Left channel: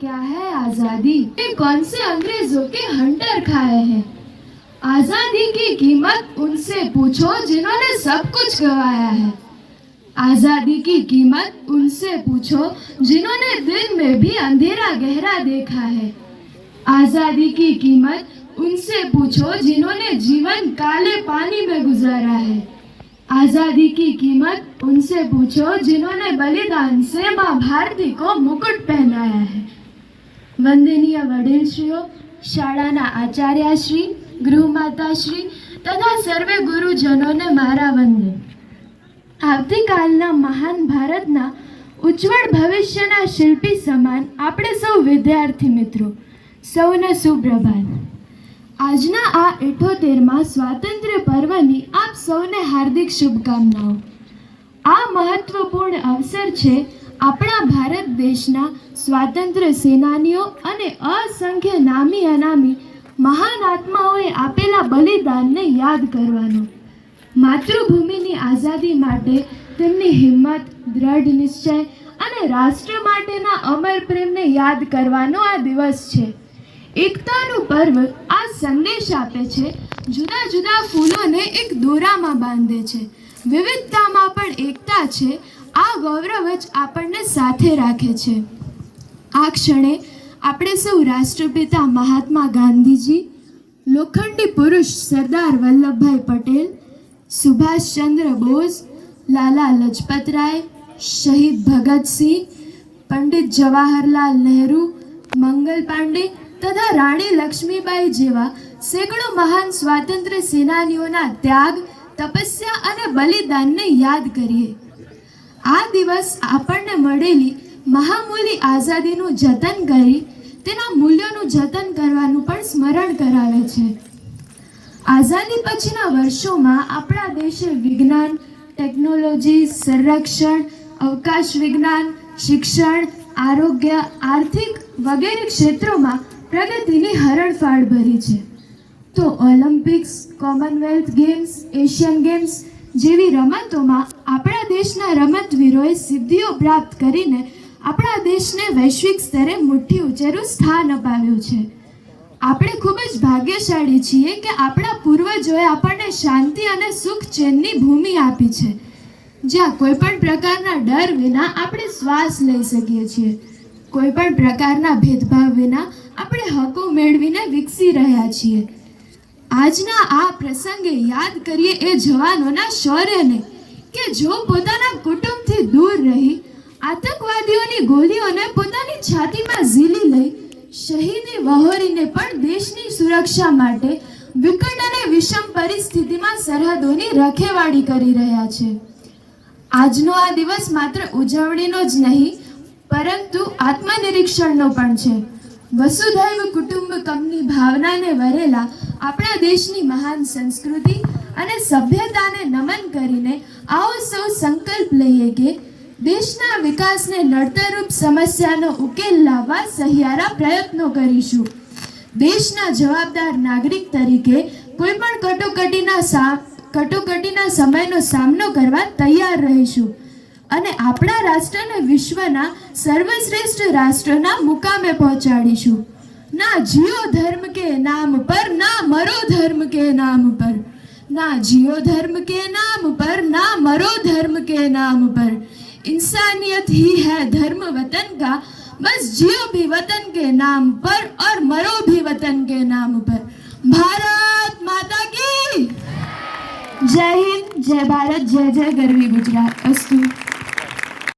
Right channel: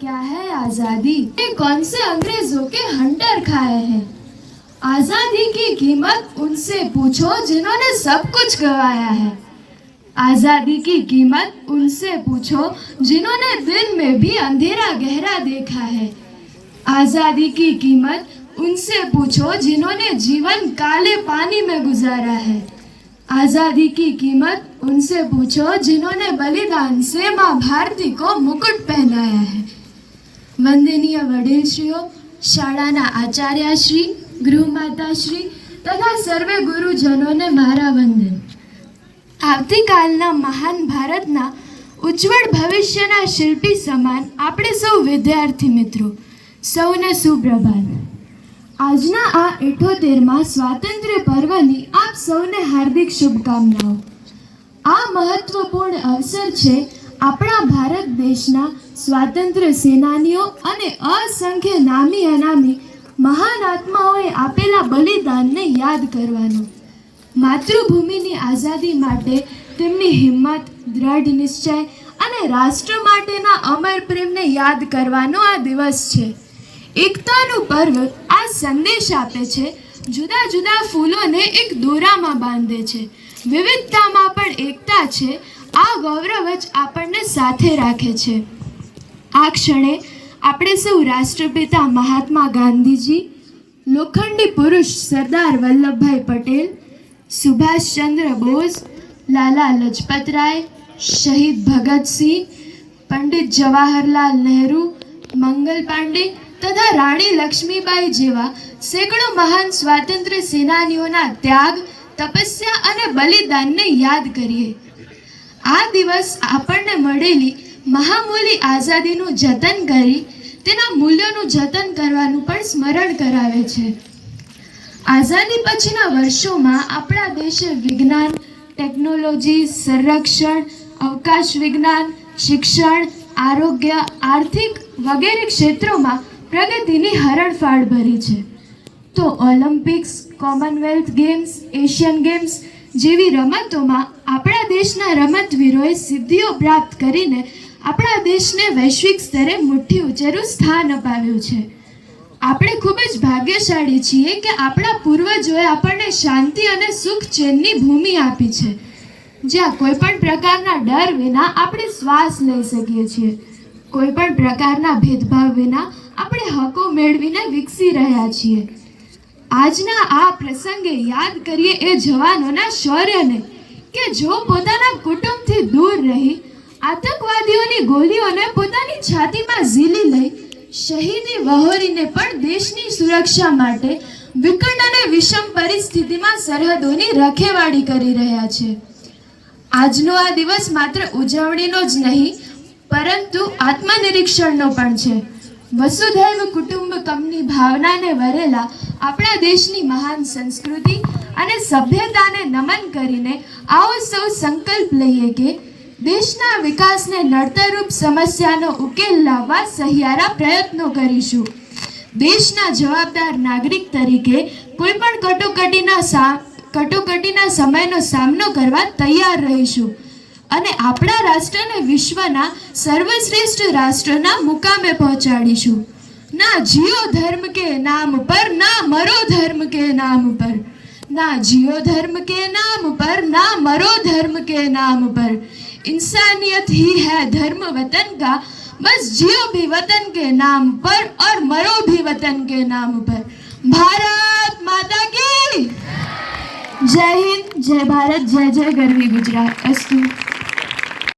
क्या है, आज़ादी? कौन से अंग्रेज़ों के हंटर खाए हैं? आज़ादी की कीमत उनसे पूछो जिन्होंने सब कुछ गवाया है। आज़ादी की कीमत उनसे पूछो जिन्होंने दिन में भी अंधेरा गहरा देखा है। आज़ादी की कीमत उनसे पूछो जिन्होंने जीवन काले पानी में गुजारा है। आज़ादी की कीमत उनसे पूछो जिन्होंने बलिदान से माँ भारती को मुकुट पहनाया है। વંદનીય વડીલશ્રીઓ, શાળાના આચાર્યશ્રી, ગૃહમાતાશ્રી તથા સર્વે ગુરુજનોને મારા વંદન. આવતીકાલના મહાન ભારતના ઉજ્જવળ ભવિષ્યના શિલ્પી સમાન આપણે સૌ વિદ્યાર્થી મિત્રો, સૌને સુપ્રભાત. આજના આ એઠોતેરમાં સ્વાતંત્ર્ય પર્વની આપ સૌને હાર્દિક શુભકામનાઓ. આ મહત્વપૂર્ણ અવસર છે આપણા ભારત દેશના સ્વાતંત્ર્ય સેનાનીઓ અને અસંખ્ય નામી અનામી મહાન આત્માઓએ આપેલા બલિદાનને યાદ કરવાનું. માતૃભૂમિની આઝાદી માટે તેમની હિંમત, દ્રઢ નિશ્ચય અને રાષ્ટ્ર માટેના અમર પ્રેમને યાદ કરવાનો આ દિવસ છે. એકતાનું પર્વ આ સંદેશ આપે છે, જુદા જુદા ફૂલોને એક દોરામાં બાંધે છે. વિવિધતામાં પણ એકતા છે આ ગૌરવ જ આપણને સાથે રાખે છે. આ ક્ષણે આપણે સૌ રાષ્ટ્રપિતા મહાત્મા ગાંધીજી, લોખંડી પુરુષ સરદાર વલ્લભભાઈ પટેલ, સુભાષચંદ્ર બોઝ, લાલા લજપતરાય, શહીદ ભગતસિંહ પંડિત જવાહરલાલ નહેરુ, મંગલ પાંડે તથા રાણી લક્ષ્મીબાઈ જેવા સેંકડો મહાન સ્વાતંત્ર્ય સેનાનીઓના ત્યાગ, તપસ્યા અને બલિદાનને યાદ કરીએ. આ દિવસ આપણને મળેલી મહામૂલી આઝાદીનું જતન કરી, તેના મૂલ્યોનું જતન કરવાનું પણ સ્મરણ કરાવે છે. આઝાદી પછીના વર્ષોમાં આપણા દેશે વિજ્ઞાન, ટેકનોલોજી, સંરક્ષણ, અવકાશ વિજ્ઞાન, શિક્ષણ, આરોગ્ય, આર્થિક વગેરે ક્ષેત્રોમાં પ્રગતિની હરણફાળ ભરી છે. તો Olympics Commonwealth games Asian games જેવી રમતોમાં આપણા દેશના રમતવીરોએ સિદ્ધિઓ પ્રાપ્ત કરીને આપણા દેશને વૈશ્વિક સ્તરે મુઠ્ઠી ઉંચેરું સ્થાન અપાવ્યું છે. આપણે ખૂબ જ ભાગ્યશાળી છીએ કે આપણા પૂર્વજોએ આપણને શાંતિ અને સુખ ચેનની ભૂમિ આપી છે. જ્યાં કોઈ પણ પ્રકારના ડર વિના આપણે શ્વાસ લઈ શકીએ છીએ. કોઈ પણ પ્રકારના ભેદભાવ વિના આપણે હકો મેળવીને વિકસી રહ્યા છીએ. આજના આ પ્રસંગે યાદ કરીએ એ જવાનોના શૌર્યને કે જો પોતાના કુટુંબથી દૂર રહી, આતંકવાદીઓની ગોળીઓને પોતાની છાતીમાં ઝીલી લઈ શહીદી વહોરીને પણ દેશની સુરક્ષા માટે વિકટ અને વિષમ પરિસ્થિતિમાં સરહદોની રખેવાળી કરી રહ્યા છે. આજનો આ દિવસ માત્ર ઉજવણીનો જ નહીં, પરંતુ આત્મનિરીક્ષણનો પણ છે. વસુધૈવ કુટુંબકમની ભાવનાને વરેલા આપણા દેશની મહાન સંસ્કૃતિ અને સભ્યતાને નમન કરીને આવો સૌ સંકલ્પ લઈએ કે દેશના વિકાસને નડતરરૂપ સમસ્યાનો ઉકેલ લાવવા સહિયારા પ્રયત્નો કરીશું. દેશના જવાબદાર નાગરિક તરીકે કોઈ પણ કટોકટીના કટોકટીના સમયનો સામનો કરવા તૈયાર રહીશું. અને આપણા રાષ્ટ્રને વિશ્વના સર્વશ્રેષ્ઠ રાષ્ટ્રના મુકામે પહોંચાડીશું. ના જીઓ ધર્મ કે નામ પર मरो धर्म के नाम पर। ना जियो धर्म के नाम पर, ना मरो धर्म के नाम पर। इंसानियत ही है धर्म वतन का, बस जियो भी वतन के नाम पर और मरो भी वतन के नाम पर। भारत माता की। जय हिंद, जय भारत, जय जय गर्वी गुजरात। अस्तु